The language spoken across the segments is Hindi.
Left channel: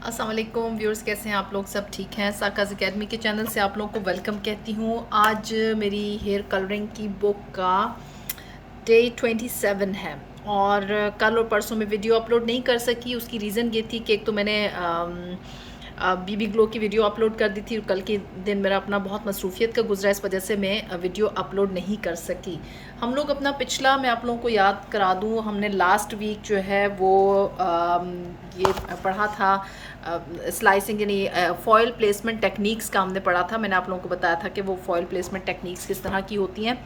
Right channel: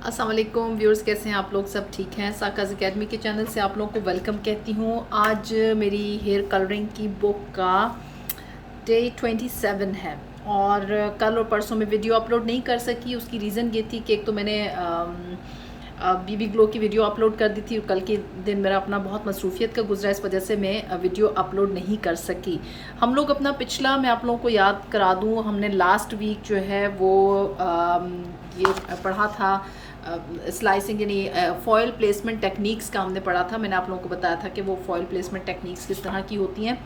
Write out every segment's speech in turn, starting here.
अस्सलाम वालेकुम व्यूअर्स, कैसे हैं आप लोग? सब ठीक हैं? साकाज़ एकेडमी के चैनल से आप लोगों को वेलकम कहती हूँ। आज मेरी हेयर कलरिंग की बुक का डे 27 है और कल और परसों में वीडियो अपलोड नहीं कर सकी। उसकी रीज़न ये थी कि एक तो मैंने बीबी ग्लो की वीडियो अपलोड कर दी थी और कल के दिन मेरा अपना बहुत मसरूफियत का गुजरा, इस वजह से मैं वीडियो अपलोड नहीं कर सकी। हम लोग अपना पिछला मैं आप लोगों को याद करा दूँ, हमने लास्ट वीक जो है वो ये पढ़ा था स्लाइसिंग यानी फॉयल प्लेसमेंट टेक्निक्स का हमने पढ़ा था। मैंने आप लोगों को बताया था कि वो फॉयल प्लेसमेंट टेक्निक्स किस तरह की होती हैं।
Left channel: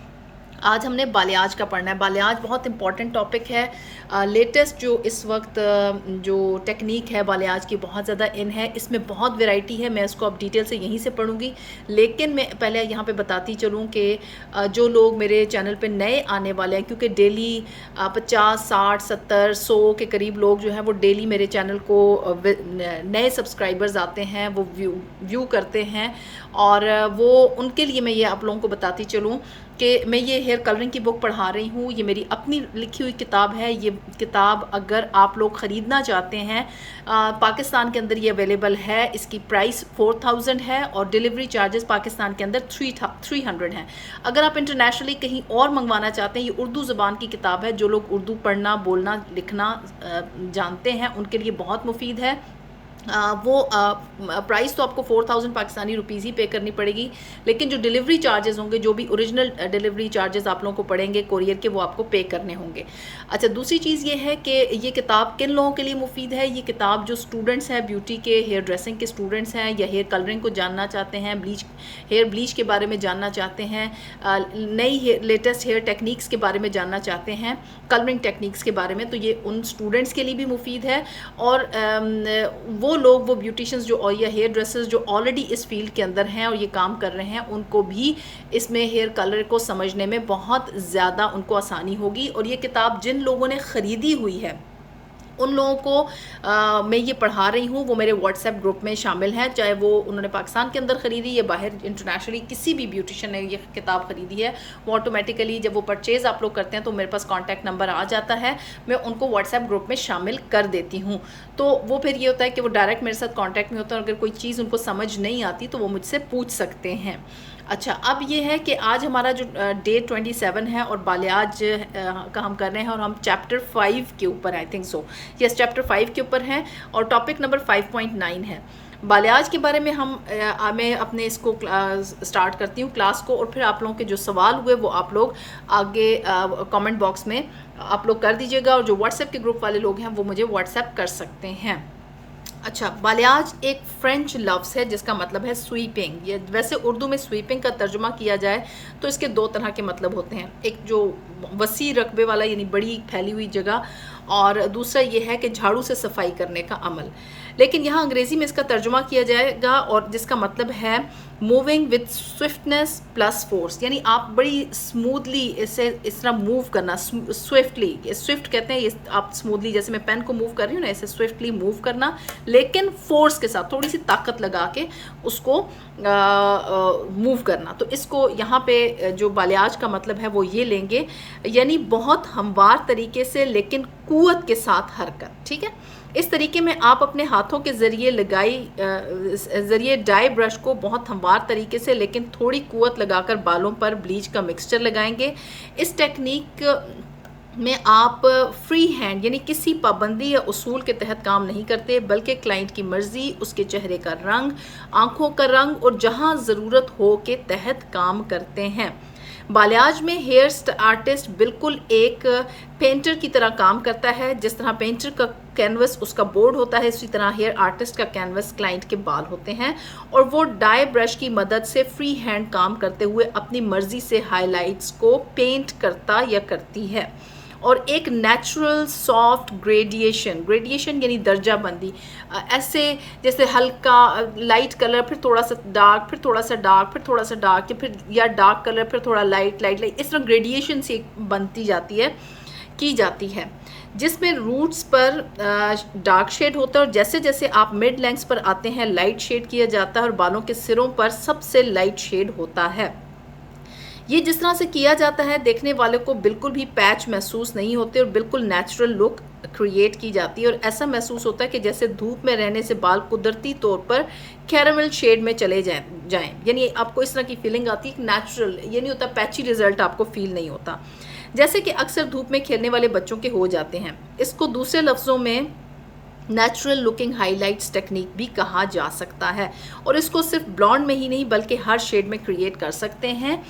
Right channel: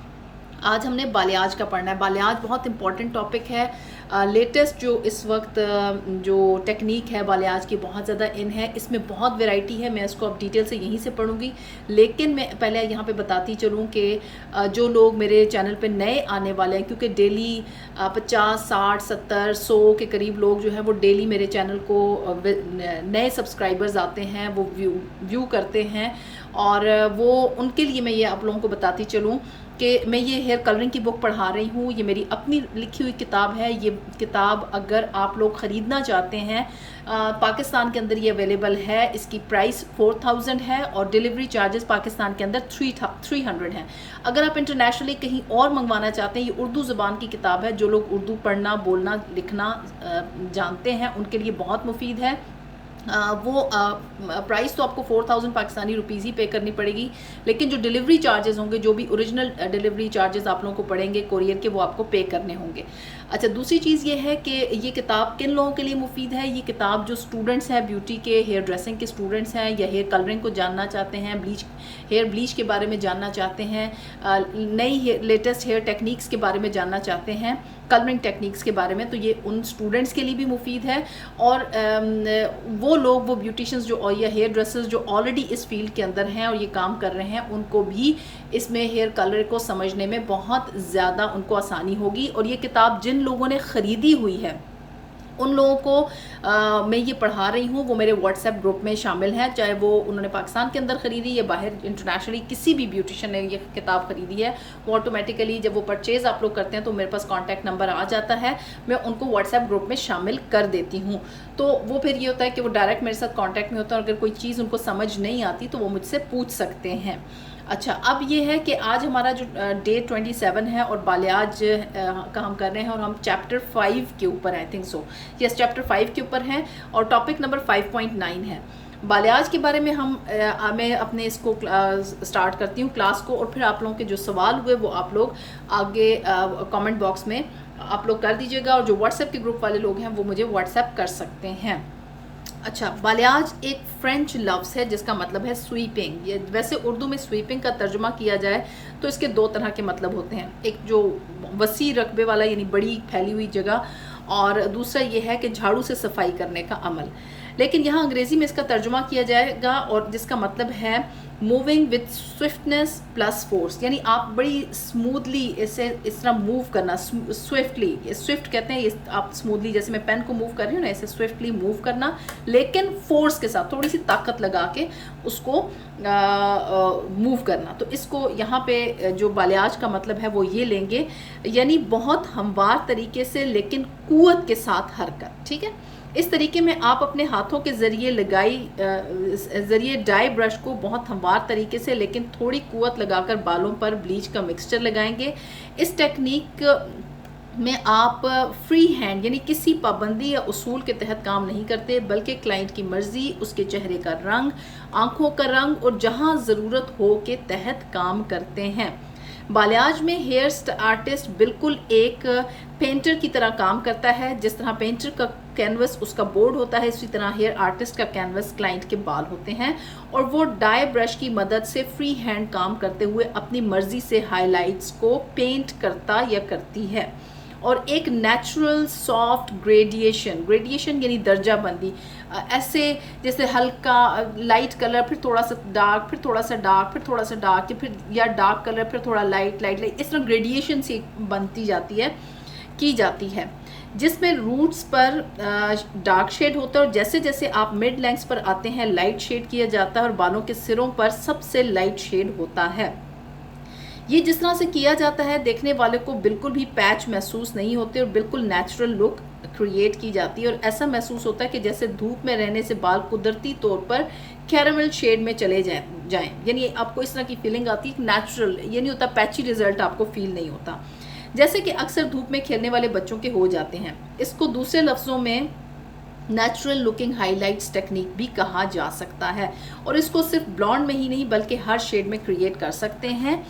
आज हमने बालियाज का पढ़ना है। बालियाज बहुत इंपॉर्टेंट टॉपिक है। लेटेस्ट जो इस वक्त जो टेक्निक है बालियाज की बहुत ज़्यादा इन है। इसमें बहुत वैरायटी है, मैं इसको अब डिटेल से यहीं से पढ़ूंगी। लेकिन मैं पहले यहाँ पे बताती चलूँ कि जो लोग मेरे चैनल पे नए आने वाले हैं, क्योंकि डेली 50, 60, 70, 100 के करीब लोग जो हैं वो डेली मेरे चैनल को नए सब्सक्राइबर्स आते हैं, वो व्यू करते हैं और वो उनके लिए मैं ये आप लोगों को बताती चलूँ कि मैं ये हेयर कलरिंग की बुक पढ़ा रही हूँ। ये मेरी अपनी लिखी हुई किताब है। ये किताब अगर आप लोग ख़रीदना चाहते हैं, पाकिस्तान के अंदर ये अवेलेबल है। इसकी प्राइस 4000 है और डिलीवरी चार्जेस पाकिस्तान के अंदर 300 हैं। अगर आप इंटरनेशनली कहीं और मंगवाना चाहते हैं, ये उर्दू ज़बान की किताब है। जो लोग उर्दू पढ़ना, बोलना, लिखना जानते हैं उनके लिए बहुत मुफीद है। वो प्राइस तो आपको 4000 पाकिस्तानी रुपीज़ ही पे करनी पड़ेगी, लेकिन जो डिलीवरी चार्जेस होंगे, जो भी ओरिजिनल डिलीवरी चार्जेस आप लोगों को पड़ेंगे कोरियर के, वो आपको पे करने होंगे। अच्छा, दूसरी चीज़ ये है कि ये किताब किन लोगों के लिए मुफीद है। ये किताब जो स्टूडेंट्स हैं, ब्यूटी के, हेयर ड्रेसिंग के स्टूडेंट्स हैं, या हेयर कलरिंग को जानना चाहते हैं, हेयर ब्लीच के बारे में जानना चाहते हैं, नई लेटेस्ट हेयर टेक्निक्स के बारे में जानना चाहते हैं, कलरिंग टेक्निक्स के बारे में, तो ये उन स्टूडेंट्स के लिए भी मुफीद है। और वो लोग, वो ब्यूटिशियंस जो या हेयर ड्रेसर्स जो ऑलरेडी इस फील्ड के अंदर हैं और ये काम कर रहे हैं, उनको भी इसमें हेयर कलर को समझने में बहुत ज़्यादा उनको आसानी होगी। और ये किताब जिन लोगों ने ख़रीदी हुई है उन लोगों को मैं ये पढ़ा रही हूँ, वो मेरे व्हाट्सएप ग्रुप में शामिल हैं, चाहे वो उन्होंने पाकिस्तान के अंदर ख़रीदी या बाहर इंटरनेशनली किसी भी ब्यूटिशियन ने ये किताब ख़रीदी है, वो ऑटोमेटिकली जब वो परचेज़ आप लोग करते हैं तो मेरे पास कॉन्टैक्ट नंबर आ जाता है, मैं उनको व्हाट्सएप ग्रुप में शामिल कर देती हूँ। तो वो फिर ये होता है कि वो डायरेक्ट मेरे साथ कॉन्टैक्ट में होता है और अगर कोई चीज़ उनको समझ नहीं आती तो वो मुझसे पूछ सकते हैं। अच्छा, अब ये है कि आज हमारा जो डे 27 है और बालियाज का हम कर रहे हैं और हम चैप्टर 5 के ऊपर, I think so, yes, chapter 5 के ऊपर हैं और टॉपिक नंबर 5.9 है। बालियाज के बारे में मैं अपने इसको स्टार्ट करती हूँ क्लास को, और फिर आप लोगों के जो सवाल हुए वो आप लोग आगे कमेंट बॉक्स में आप लोग कर दीजिएगा, और जो व्हाट्सएप के ग्रुप वाले लोग हैं वो मुझे व्हाट्सएप कर सकते हैं। अच्छा, बालियाज एक फ्रेंच लफ्ज़ है जिसका मतलब है स्वीपिंग। ये वैसे उर्दू में स्वीपिंग का तर्जुमा किया जाए तो इसके दो तरह के मतलब होते हैं, एक जो वसी रकबे वाला यानी बड़ी फैली हुई जगह, और दूसरा ये है कि झाड़ू से सफाई करने का अमल। लेकिन यहाँ अंग्रेज़ी में इसका तर्जुमा किया जाएगा और जिसका मतलब है moving with swiftness plus force, यानी आप बड़ी स्मूथली इसे इस तरह मूव करना, स्विफ्टली, स्विफ्ट कहते हैं ये, आप स्मूथली जैसे मैं पेन को मूव कर रही हूँ ना, ऐसे स्विफ्टली मूव करना, लेकिन फोर्स के साथ थोड़ी सी ताकत लगा के उसको मूव करना। तो इसको यहाँ पे जो बालियाज का मतलब है वो ये लेंगे, यानी बहुत हमवार तरीके से लेकिन कुव्वत के साथ हरकत। ठीक है, इस तरीके में आप अपने हाथों के ज़रिए डाई ब्रश को बहुत हमवार तरीके से लेकिन थोड़ी कुव्वत लगाकर बालों पर ब्लीच का मिक्सचर लगाएंगे। इस टेक्निक में आप फ्री हैंड यानी किसी पाबंदी या उसूल के तहत काम नहीं करते, बल्कि क्लाइंट की मर्जी, उसके चेहरे का रंग, आंखों का रंग और जहां ज़रूरत हो के तहत काम करते हैं। बालियाज में हेयर आर्टिस्ट बिल्कुल एक पेंटर की तरह काम करता है। जिस तरह पेंटर का कैनवस उसका बोर्ड होता है, इसी तरह हेयर आर्टिस्ट का कैनवस क्लाइंट के बाल होते हैं, और वो डाई ब्रश की मदद से फ्री हैंड काम करते हुए अपनी मर्जी से हाइलाइट्स को पेंट करता या करती है। और एक नेचुरल सॉफ्ट ग्रेडिएशन यानी दर्जा बंदी, ऐसे जैसे हल्का लाइट कलर, फिर थोड़ा सा डार्क, फिर थोड़ा सा डार्क, फिर थोड़ा सा डार्क, या डार्क कलर फिर थोड़ा लाइट, इस तरह ग्रेडिएशन से बनती जाती है, की जाती है, जिसमें रूट्स पर डार्क शेड होता है और जैसे जैसे आप मिड लेंथ्स पर आते हैं लाइट शेड किया जाता है और बालों के सिरों पर सबसे लाइट शेड होता है। ये जिस तरह से किया जाता है देखने वाले को बिल्कुल भी पैच महसूस नहीं होते और बिल्कुल नेचुरल लुक क्रिएट की जाती है और ऐसा महसूस होता है कि जैसे धूप में रहने से बाल कुदरती तौर पर कैरामल शेड में चले जाएं। यानी आपको इस तरह की फीलिंग आती है, नेचुरल, ये नहीं होता पैची रिजल्ट आपको फील नहीं होता, जैसे कि अक्सर धूप में खेलने वाले बच्चों के हो जाते हैं। इसको दूसरे लफ्ज़ों में नेचुरल लुकिंग हाइलाइट्स टेक्निक भी कहा जा सकता है और इसको सिर्फ ब्लॉन्ड में ही नहीं बल्कि हर शेड में क्रिएट कर सकते हैं।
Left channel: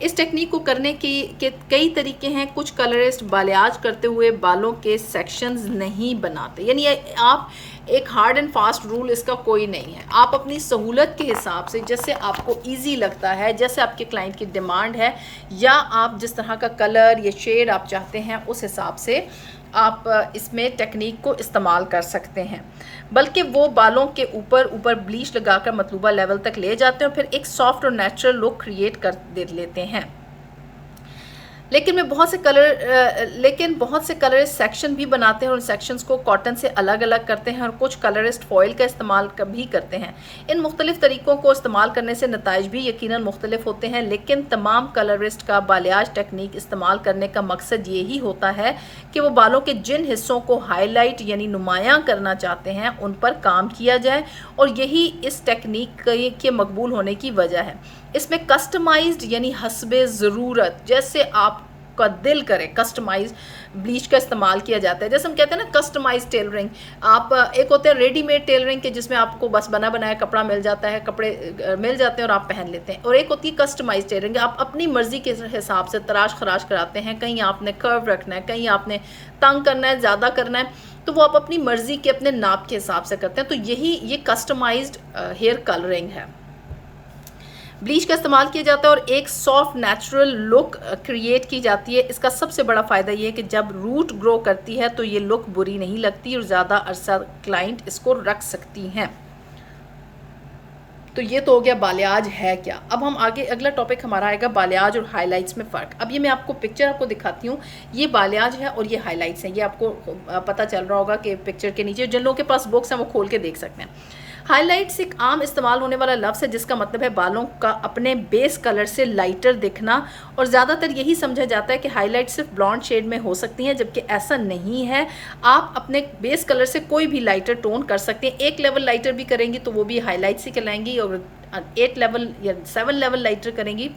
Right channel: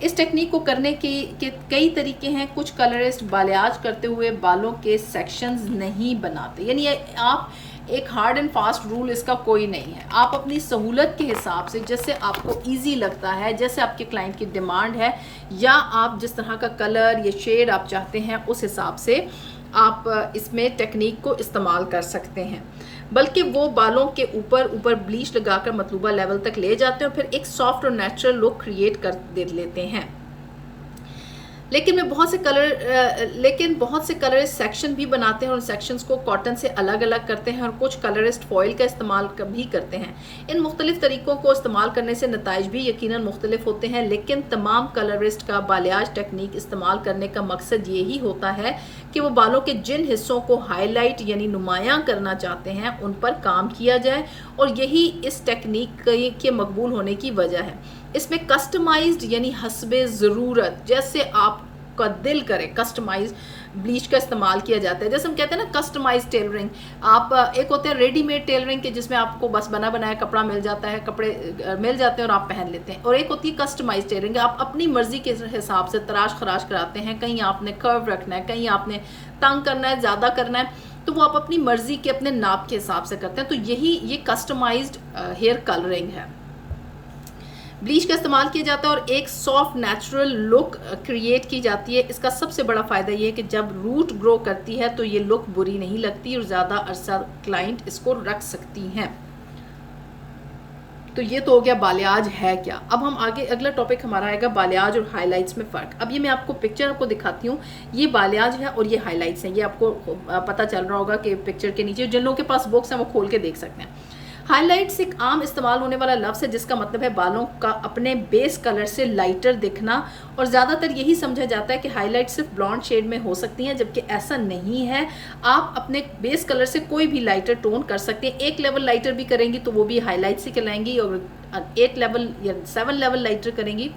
इस टेक्निक को करने के कई तरीके हैं। कुछ कलरिस्ट बालियाज करते हुए बालों के सेक्शंस नहीं बनाते, यानी आप एक हार्ड एंड फास्ट रूल इसका कोई नहीं है। आप अपनी सहूलत के हिसाब से, जैसे आपको इजी लगता है, जैसे आपके क्लाइंट की डिमांड है, या आप जिस तरह का कलर या शेड आप चाहते हैं उस हिसाब से आप इसमें टेक्निक को इस्तेमाल कर सकते हैं। बल्कि वो बालों के ऊपर ब्लीच लगाकर मतलूबा लेवल तक ले जाते हैं और फिर एक सॉफ्ट और नेचुरल लुक क्रिएट कर दे लेते हैं। लेकिन बहुत से कलरिस्ट सेक्शन भी बनाते हैं और सेक्शंस को कॉटन से अलग अलग करते हैं और कुछ कलरिस्ट फॉइल का इस्तेमाल भी करते हैं। इन मुख्तलिफ तरीक़ों को इस्तेमाल करने से नताइज भी यकीनन मुख्तलिफ होते हैं, लेकिन तमाम कलरिस्ट का बालियाज टेक्निक इस्तेमाल करने का मकसद यही होता है कि वो बालों के जिन हिस्सों को हाईलाइट यानी नुमायां करना चाहते हैं उन पर काम किया जाए, और यही इस टेक्निक के मकबूल होने की वजह है। इसमें कस्टमाइज्ड यानी हस्बे ज़रूरत, जैसे आपका दिल करे, कस्टमाइज ब्लीच का इस्तेमाल किया जाता है। जैसे हम कहते हैं ना कस्टमाइज टेलरिंग, आप एक होता है रेडीमेड टेलरिंग के जिसमें आपको बस बना बनाया कपड़ा मिल जाता है, कपड़े मिल जाते हैं और आप पहन लेते हैं, और एक होती है कस्टमाइज टेलरिंग, आप अपनी मर्जी के हिसाब से तराश खराश कराते हैं। कहीं आपने कर्व रखना है, कहीं आपने तंग करना है, ज़्यादा करना है, तो वो आप अपनी मर्जी के अपने नाप के हिसाब से करते हैं। तो ये कस्टमाइज्ड हेयर कलरिंग है। ब्लीच का इस्तेमाल किया जाता है और एक सॉफ्ट नेचुरल लुक क्रिएट की जाती है। इसका सबसे बड़ा फ़ायदा ये है कि जब रूट ग्रो करती है तो ये लुक बुरी नहीं लगती और ज़्यादा अरसा क्लाइंट इसको रख सकती हैं। तो ये तो हो गया बालियाज है क्या। अब हम आगे, अगला टॉपिक हमारा आएगा बालियाज और हाइलाइट्स में फ़र्क। अब ये मैं आपको पिक्चर आपको दिखाती हूँ, ये बालियाज है और ये हाइलाइट्स है। ये आपको पता चल रहा होगा कि पिक्चर के नीचे जिन लोगों के पास बुक्स हैं वो खोल के देख सकते हैं। हाइलाइट्स एक आम इस्तेमाल होने वाला लफ्ज़ है जिसका मतलब है बालों का अपने बेस कलर से लाइटर दिखना, और ज़्यादातर यही समझा जाता है कि हाइलाइट सिर्फ ब्लॉन्ड शेड में हो सकती हैं, जबकि ऐसा नहीं है। आप अपने बेस कलर से कोई भी लाइटर टोन कर सकते हैं। 1 लेवल लाइटर भी करेंगी तो वो भी हाइलाइट्स ही कहलाएंगी, और 8 लेवल या 7 लेवल लाइटर करेंगी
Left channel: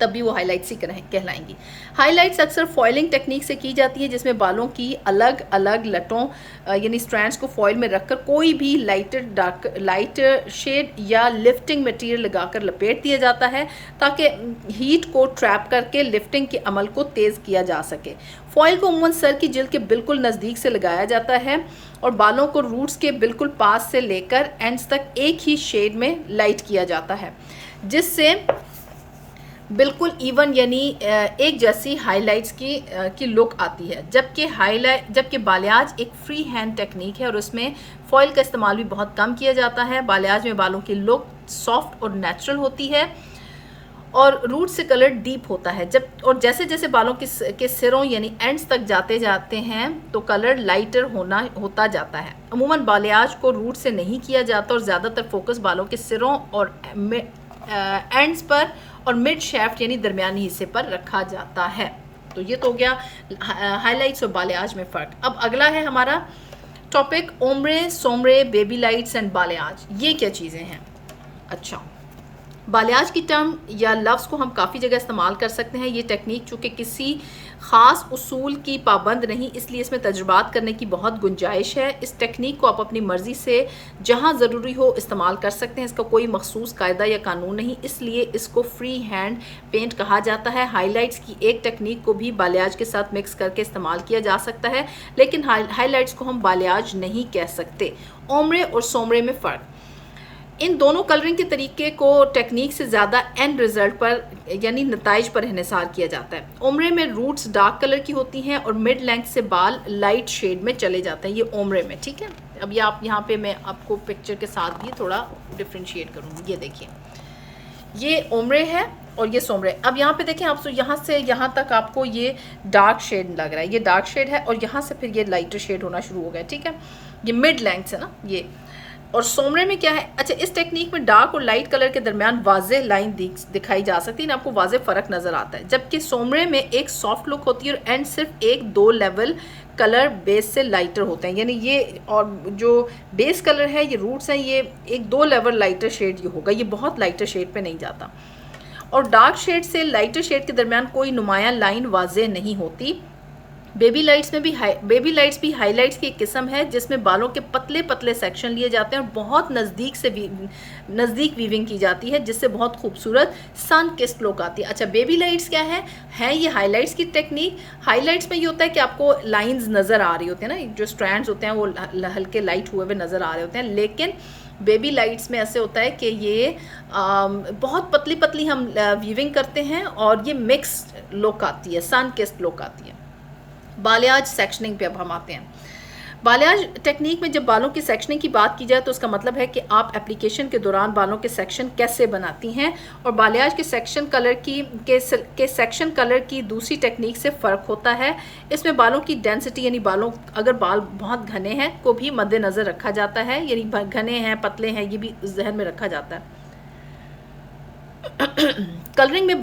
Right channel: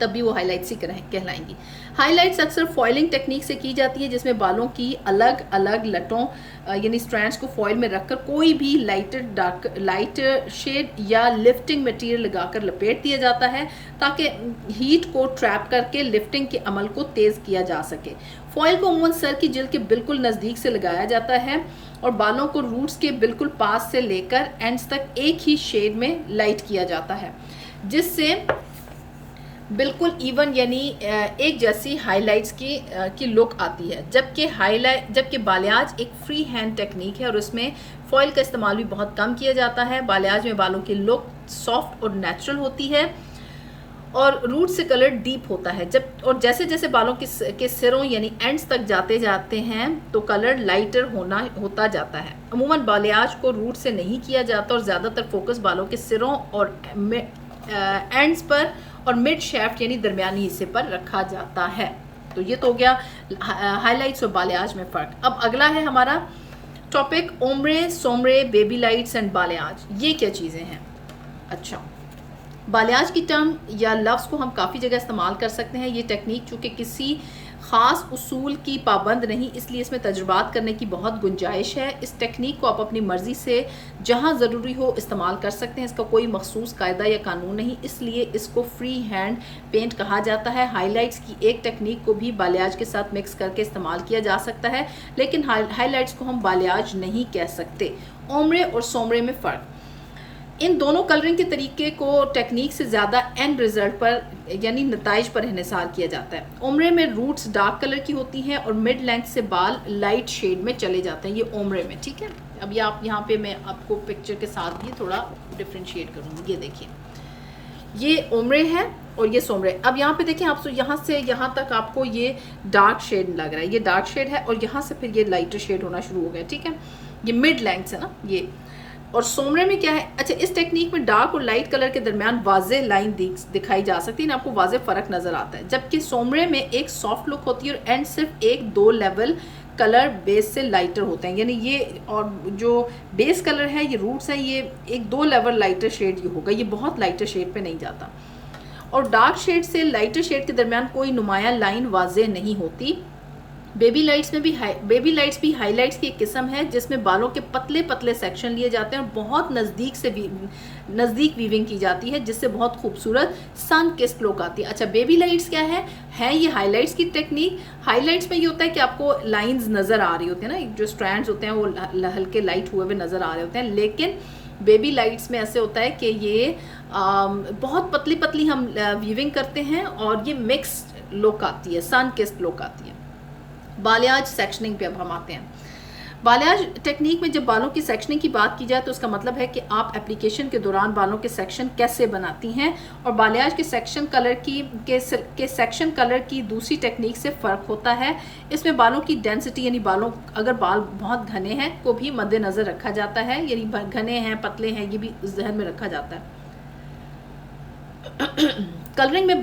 तब भी वो हाइलाइट्स ही कहलाएंगी। हाइलाइट्स अक्सर फॉइलिंग टेक्निक से की जाती है, जिसमें बालों की अलग अलग लटों यानी स्ट्रैंड्स को फॉइल में रखकर कोई भी लाइट शेड या लिफ्टिंग मटेरियल लगाकर लपेट दिया जाता है ताकि हीट को ट्रैप करके लिफ्टिंग के अमल को तेज़ किया जा सके। फॉइल को अमूमन सर की जिल्द के बिल्कुल नज़दीक से लगाया जाता है और बालों को रूट्स के बिल्कुल पास से लेकर एंड्स तक एक ही शेड में लाइट किया जाता है, जिससे बिल्कुल इवन यानी एक जैसी हाइलाइट्स की लुक आती है। जबकि बालियाज एक फ्री हैंड टेक्निक है और उसमें फॉइल का इस्तेमाल भी बहुत कम किया जाता है। बालियाज में बालों की लुक सॉफ्ट और नेचुरल होती है और रूट से कलर डीप होता है। जैसे जैसे बालों के सिरों यानी एंड्स तक जाते हैं तो कलर लाइटर होता जाता है। अमूमन बालियाज को रूट से नहीं किया जाता और ज़्यादातर फोकस बालों के सिरों और एंड्स पर और मिड शेफ्ट यानी दरमियानी हिस्से पर रखा जाता है। तो ये तो हो गया हाइलाइट्स और बालियाज में फ़र्क। अब अगला है हमारा topic ombre, sombre, baby lights and balayage. ये क्या चीज़ें हैं? अच्छा, बालियाज की टर्म या लफ्ज़ को हम काफ़ी जगह इस्तेमाल कर सकते हैं। ये टेक्निक चूँकि किसी ख़ास उसूल की पाबंद नहीं, इसलिए इसमें तजुर्बात करने की बहुत गुंजाइश है। इस टेक्निक को आप अपनी मर्ज़ी से जहाँ ज़रूरी हो इस्तेमाल कर सकते हैं। इसका कोई मखसूस कायदा या कानून नहीं, इसलिए इसको फ्री हैंड पेंट कहा जाता है। हाइलाइट्स की एक टेक्निक को भी बालियाज के साथ मिक्स करके इस्तेमाल किया जा सकता है, लेकिन हाइलाइट्स को हम बालियाज नहीं कह सकते। ओम्ब्रे और सोम्ब्रे में फ़र्क। इन दोनों कलरिंग के तरीके को टेक्निक से ज़्यादा एंड रिजल्ट पर यानी नताइज पर इन्हिसार किया जाता है। ओम्ब्रे में रूट्स डार्क कलर की होती हैं और मिड लेंथ से बाल लाइट शेड में चले जाते हैं। ये ओम्ब्रे में, ठीक है। अब ये आप यहाँ पे मैं आपको पिक्चर के साथ भी थोड़ा डिफ्रेंशिएट करूँगी। ये देखिए, ये ओम्ब्रे है और ये सोम्ब्रे। अब यहाँ पे देखें आप, यहाँ से यहाँ तक आपको ये डार्क शेड लग रहा है, ये डार्क शेड है और यहाँ से फिर ये लाइटर शेड होना शुरू हो गया, ठीक है। ये मिड लेंथ है ना ये। और सोम्ब्रे में क्या है? अच्छा, इस टेक्निक में डार्क और लाइट कलर के दरमियान वाज़ेह लाइन दिखाई जा सकती है, आपको वाज़ेह फ़र्क नज़र आता है। जबकि सोम्ब्रे में एक सॉफ्ट लुक होती है और एंड सिर्फ 1-2 लेवल कलर बेस से लाइटर होते हैं, यानी ये और जो बेस कलर है ये रूट्स है, ये एक 2 लेवल लाइटर शेड ये होगा, ये बहुत लाइटर शेड पे नहीं जाता। और डार्क शेड से लाइटर शेड के दरमियान कोई नुमायां लाइन वाज़ेह नहीं होती। बेबी लाइट्स भी हाईलाइट्स की एक किस्म है जिसमें बालों के पतले पतले सेक्शन लिए जाते हैं और बहुत नज़दीक वीविंग की जाती है, जिससे बहुत खूबसूरत सन किस्ड लुक आती है। अच्छा, बेबी लाइट्स क्या है ये हाईलाइट्स की टेक्निक। हाईलाइट्स में ये होता है कि आपको लाइंस नज़र आ रही होती है ना, जो स्ट्रैंड्स होते हैं वो हल्के लाइट हुए हुए नज़र आ रहे होते हैं, लेकिन बेबी लाइट्स में ऐसे होता है कि ये बहुत पतली पतली हम वीविंग करते हैं और ये मिक्स लुक आती है, सन किस्ड लुक आती है। बालियाज सेक्शनिंग पे अब हम आते हैं। बालियाज टेक्निक में जब बालों की सेक्शनिंग की बात की जाए तो उसका मतलब है कि आप एप्लीकेशन के दौरान बालों के सेक्शन कैसे बनाती हैं, और बालियाज के सेक्शन कलर की दूसरी टेक्निक से फ़र्क होता है। इसमें बालों की डेंसिटी यानी बालों अगर बाल बहुत घने हैं को भी मद्देनज़र रखा जाता है, यानी घने हैं पतले हैं ये भी जहन में रखा जाता है। कलरिंग में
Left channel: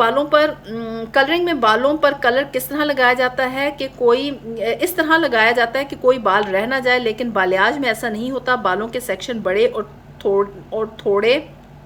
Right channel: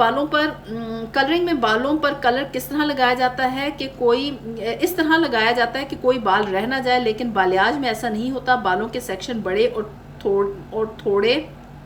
बालों पर कलर किस तरह लगाया जाता है कि इस तरह लगाया जाता है कि कोई बाल रह ना जाए, लेकिन बालियाज में ऐसा नहीं होता। बालों के सेक्शन बड़े और थोड़े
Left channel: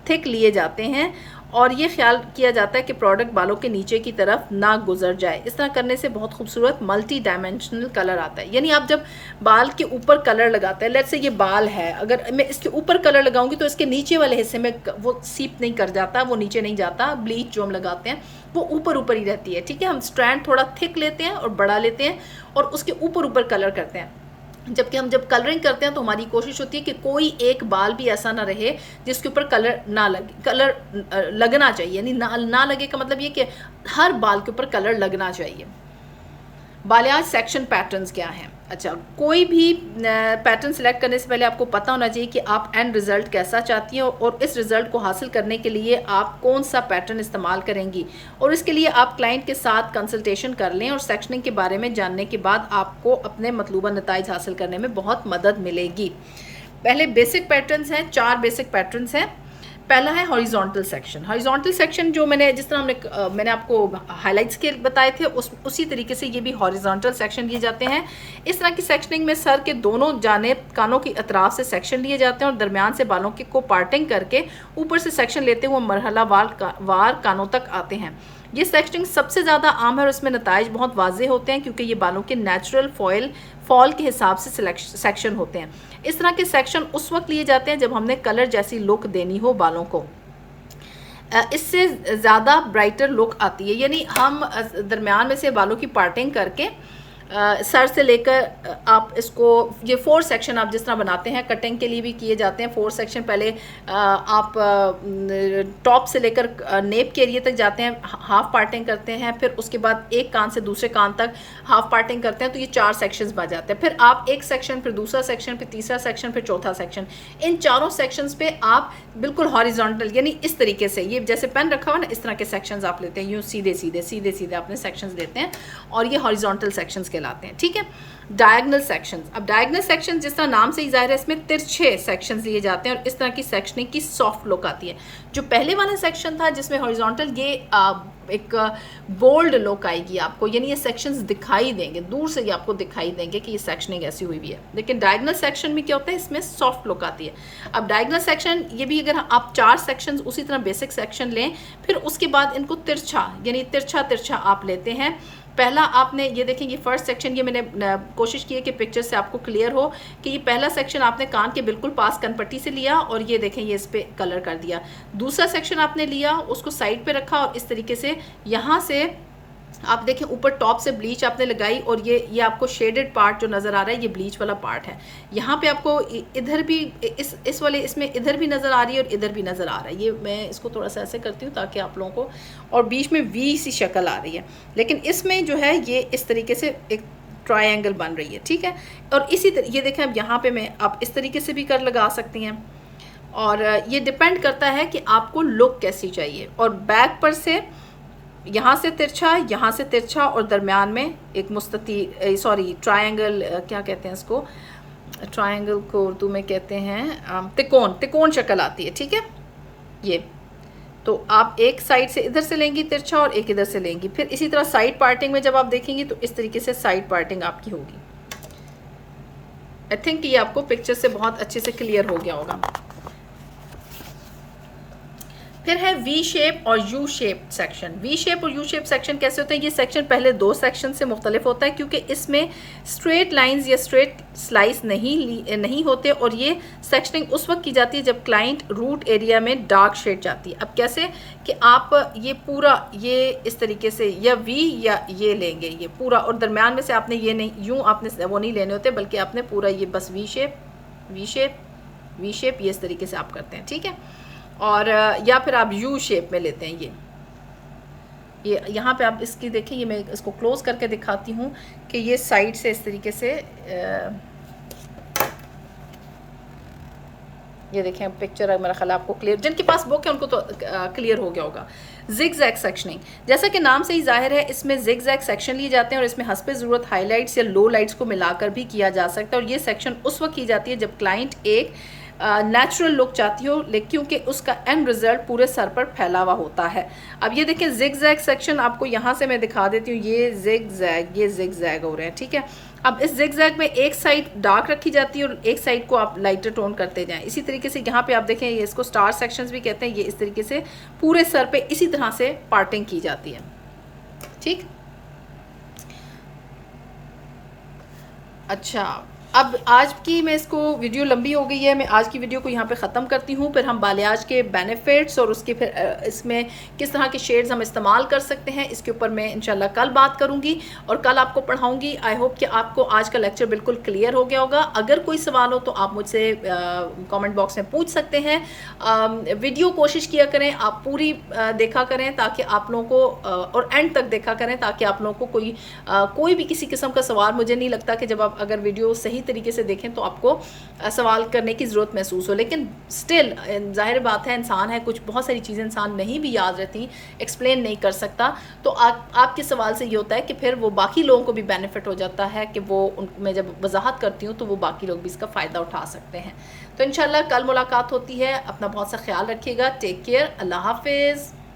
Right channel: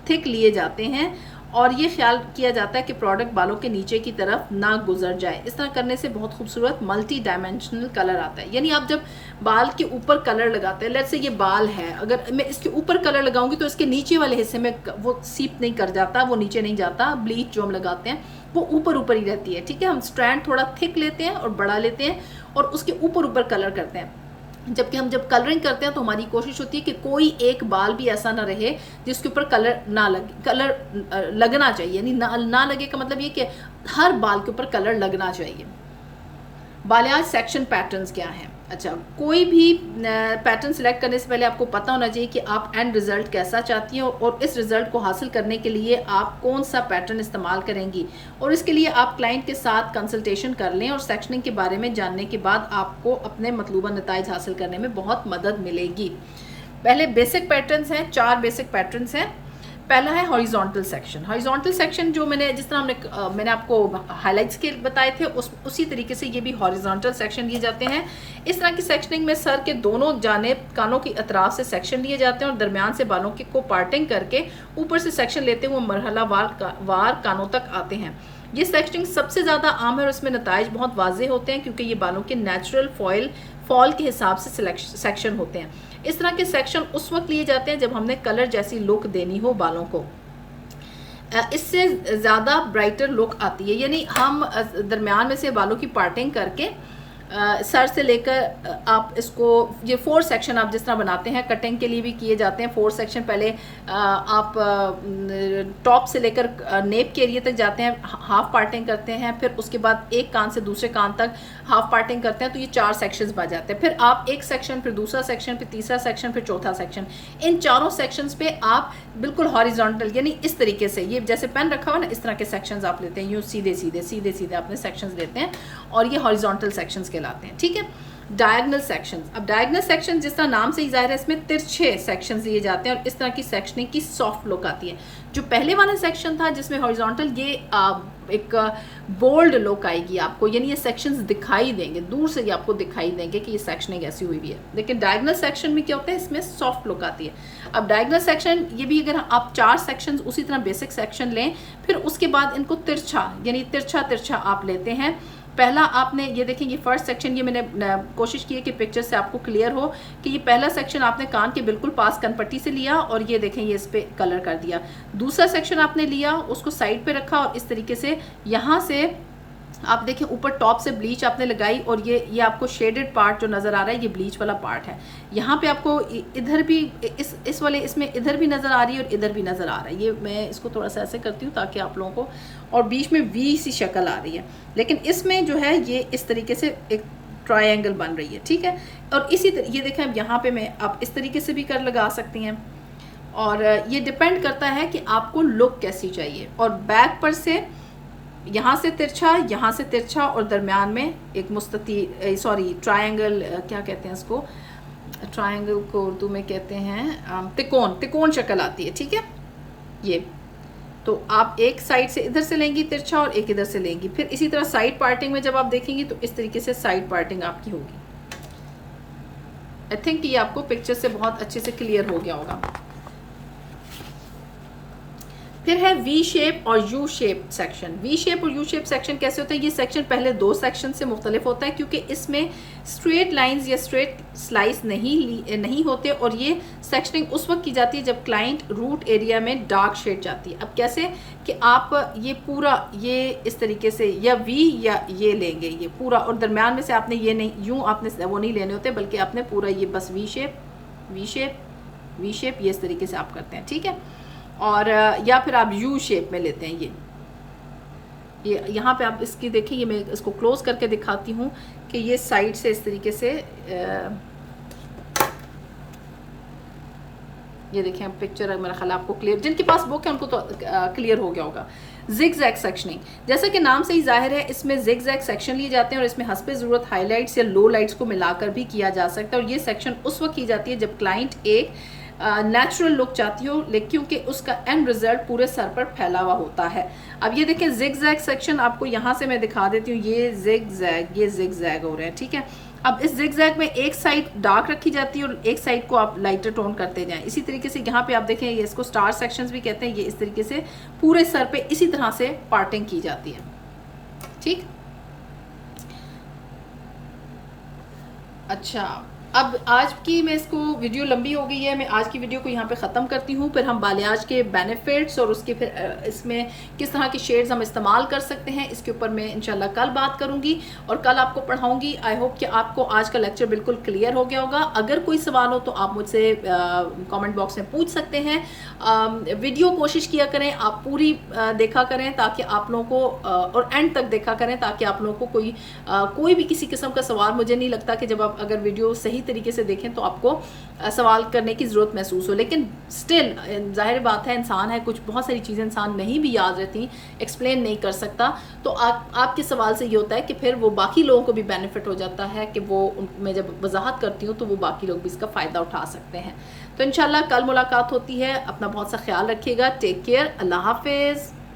थिक लिए जाते हैं और ये ख्याल किया जाता है कि प्रोडक्ट बालों के नीचे की तरफ ना गुजर जाए। इस तरह करने से बहुत खूबसूरत मल्टी डायमेंशनल कलर आता है। यानी आप जब बाल के ऊपर कलर लगाते हैं, लेट्स से ये बाल है, अगर मैं इसके ऊपर कलर लगाऊंगी तो इसके नीचे वाले हिस्से में वो सीप नहीं कर जाता, वो नीचे नहीं जाता। ब्लीच जो हम लगाते हैं वो ऊपर ही रहती है, ठीक है। हम स्ट्रैंड थोड़ा थिक लेते हैं और बड़ा लेते हैं और उसके ऊपर कलर करते हैं। जबकि हम जब कलरिंग करते हैं तो हमारी कोशिश होती है कि कोई एक बाल भी ऐसा ना रहे जिसके ऊपर कलर ना लगे। कलर लगना चाहिए, यानी ना लगे का मतलब ये कि हर बाल के ऊपर कलर लगना चाहिए। बालियाज सेक्शन पैटर्न्स क्या हैं? अच्छा, कोई भी पैटर्न सिलेक्ट करने से पहले आपको पता होना चाहिए कि आप एंड रिजल्ट कैसा चाहती हैं और इस रिजल्ट को हासिल करने के लिए आप कौन सा पैटर्न इस्तेमाल करेंगी, और इसके लिए आप क्लाइंट के साथ कंसल्टेशन कर लें और सेक्शनिंग के बारे में जानने के बाद आपको अपने मतलूबा नताइज हासिल करने में बहुत मदद मिलेगी। पहले बेसिक पैटर्न्स हैं, 4 बेसिक पैटर्न्स हैं। पहला है हॉरिजॉन्टल सेक्शन। हॉरिजॉन्टल सेक्शन जो जिस तरह मैंने आपको हाइलाइट्स के बताए थे उसी तरीके से ये भी हॉरिजॉन्टल सेक्शन लिए जाते हैं। इस तरह की सेक्शनिंग में सर के दोनों जानिब कानों की अतराफ से सेक्शन लिए जाते हैं और दरमियान से बालों को पार्टिंग करके ऊपर से सेक्शन लेते हुए मरहला वार कानों तक आते हैं। ये सेक्शनिंग सबसे ज़्यादा आम है और इसमें नताइज बहुत वाज़ेह होते हैं क्योंकि ये बालों के नेचुरल फॉल के हिसाब से सेक्शन होते हैं। इस तरह के सेक्शन उस वक्त लिए जाते हैं जब हमने कलर जैसी लुक देनी हो बालों को। इससे ज़्यादा ब्राइटर लुक आती है, यानी हम दरमियान में से बालों की पार्टिंग करके सर से लेकर आप इसको ये 4 सेक्शन आप जिस तरह बनाते हैं, कटिंग के लिए भी किए जाते हैं 4 सेक्शन। पहले आप टॉप से लेकर नेप के एरिया तक जाते हैं, हाफ पार्टिंग करते हैं, फिर उसके बाद एक कान से दूसरे कान तक हाफ पार्टिंग करते हैं, तो ये 4 सेक्शंस बन जाते हैं। फिर आप एक सेक्शन, फिर दूसरा सेक्शन, फिर तीसरा सेक्शन, फिर चौथा सेक्शन। इन चारों सेक्शंस पे आप बिल्कुल हॉरिजॉन्टल यानी इस तरीके से, ये जैसे पेन रखा हुआ ना इस तरह के सेक्शंस आप लेते हैं, यूँ सीधे आपने सेक्शंस लेते हैं और ये हॉरिजॉन्टल सेक्शंस कहलाते हैं, ठीक है। डायगोनल सेक्शंस, अब डायगोनल सेक्शन जिस तरह नाम से ही जाहिर है इसमें तिरछे सेक्शंस लिए जाते हैं और इस तरह की सेक्शनिंग की सॉफ्ट लुक आती है। जो पहले वाला सेक्शन था जिसमें हॉरिजॉन्टल, ये एक बोल्ड लुक आएगी आपको, यानी ये सेक्शंस दिखाई देंगे, दूर से ये आपको दिखाई देंगे कि ये सेक्शनिंग ऐसी हुई भी है। लेकिन डायगोनल सेक्शन में क्या होता है, इसमें सॉफ्ट लुक आती है। अब डायगोनल सेक्शन ये भी अगर आप 4 सेक्शंस उसी तरह बेसिक सेक्शन लें, फिर उसके बाद इनको तिरछा यानी तिरछा आप लेते हैं। पहला आपने ये देखें, ये फर्स्ट सेक्शन, ये मैंने कोशिश की है कि पिक्चर से आपको क्लियर हो कि ये पहला सेक्शन आपने कान के बिल्कुल पास कनपट्टी से लिया और ये देखें ये इस पे कलर कर दिया। दूसरा सेक्शन आपने लिया, उसको साइड पे रखा और इस तरीके से यहाँ से आप देखें ऊपर टॉप से ब्लीच आपने लगाई और ये आपको शेडेड पार्ट जो नज़र आ रहा है ये ब्लीच वाला पार्ट है। यहाँ पे आपको इधर भी इस वाले इसमें इधर भी नज़र आ रही है और इधर भी नज़र आ रहा है। ये मैं इसको थोड़ा सा ऐसे करती हूँ ताकि आप लोगों को, और बीच में वी सी शक्ल आ रही है, लेकिन इसमें जो है ये इस तरीके से एक ट्रायंगल बन रही है, ठीक है। और इसी तरह ये देखें, अब यहाँ पर आप इस तरीके से भी कर लगा सकती हैं और ये डिपेंड करता है कि आपको लुक कैसी चाहिए। और बैक पर से यहाँ से तिरछा और दरमियान में एक ट्रायंगल, क्या कहते हैं इसको, ट्रायंगल को उर्दू में कहते हैं तिकोन शक्ल आती है, ठीक है। ये तो आप एक साइड से इधर से लेंगी तिरछा और एक इधर से लेंगी, फिर इसी तरह साइड पार्टिंग में जब आप देखेंगी तो इस तरीके से साइड पार्टिंग आपकी होगी। आई थिंक ये आपको पिक्चर से बहुत अच्छे से क्लियर हो गया होगा। फिर है वी शेप और U shape section. V shape और यू शेप सेक्शन कैसे होता है? ये सेक्शन पहले दो सेक्शन से मुख्तलिफ होता है क्योंकि इसमें स्ट्रेट लाइंस या स्ट्रेट स्लाइस नहीं होते, और ये सेक्शनिंग उस वक्त की जाती है जब क्लाइंट रूट एरिया में डार्क शेड जाती है। अब कैसे कि आप ये पूरा ये इस तरीके से या वी या ये लेंगे, ये पूरा, और दरम्यान में से आपने ये नहीं, यूँ आपने वो नहीं लेने होते, बल्कि आपने पूरा ये बस V shape V shape V shape ये इस तरीके से आप करते हैं, ठीक है। और या फिर आप यू शेप में लेते हैं। ये यहाँ पे आप इसकी देखिए, ये मैं इसको क्लोज करके दिखाती हूँ कि ये साइड से इस तरीके से ये देखें पिक्चर, मेरा ख्याल आपको क्लियर, जिनके पास बुक है उनको तो क्लियर हो गया होगा। जिग जैग सेक्शनिंग, जैसा कि नाम से ही जाहिर है, इसमें जिग जैग सेक्शन लिए जाते हैं और इसमें हस्ब ज़रूरत हाईलाइट्स या लो लाइट्स को मिलाकर भी किया जा सकता है। और ये सेक्शन उस वक्त की जाती है जब क्लाइंट एक नेचुरल लुक चाहती हो, लेकिन क्योंकि उसका एंड रिजल्ट पूरे सर पर फैला हुआ होता है। अब ये देखें जिग जैग सेक्शन, आपको यहाँ से मैं दिखा देती हूँ, ये जिग जैग हो रहे हैं, ठीक है। अब इस जिग जैग में एक साइड डार्क रखी जाती है और एक साइड को आप लाइटर टोन करते जाएं। इसी तरीके से यहाँ पे आप देखें, ये इसको स्टार सेक्शंस भी कहते हैं। ये इस तरीके से पूरे सर पे इसी तरह से पार्टिंग की जाती है, ठीक। अच्छा, अब आज की मैं इसको वीडियो लंबी हो गई है, मैं आज की वीडियो को यहाँ पे ख़त्म करती हूँ। फिर हम बालियाज के बेनिफिट्स और उसके फिर इसमें किस तरह के शेड्स हम इस्तेमाल कर सकते हैं, इसके ऊपर मैं इंशाल्लाह कल बात करूँगी और कल आपको पढ़ाऊँगी। आई होप कि आपको आज का लेक्चर बिल्कुल क्लियर हो गया होगा। अगर कोई सवाल हो तो आप मुझसे कमेंट बॉक्स में पूछ सकते हैं। वीडियो कोशिश किया करें आप पूरी देखा करें ताकि आप लोगों को और एंड तक देखा करें ताकि आप लोगों को कोई भी किसी किस्म का सवाल, मुझे नहीं लगता कि जब आप अगर वीडियो सही तरीके से देखें तो आपको सवाल करने की ज़रूरत महसूस हो। लेकिन स्टिल जाहिर बात है, इंसान है, कुछ बहुत सारी चीज़ें इंसान नहीं भी याद रहती, एक्सप्लेन नहीं कर सकता, तो आपके सवाल से ये होता है कि फिर वो बाकी लोगों को भी बेनिफिट हो जाता है कि वो मैं जब वजाहत करती हूँ तो वो बाकी लोग भी इसका फ़ायदा उठा सकते हैं। तो इंशाल्लाह कल मुलाकात होती है। अपना बहुत सा ख्याल रखिएगा। Take care. अल्लाह हाफिज़।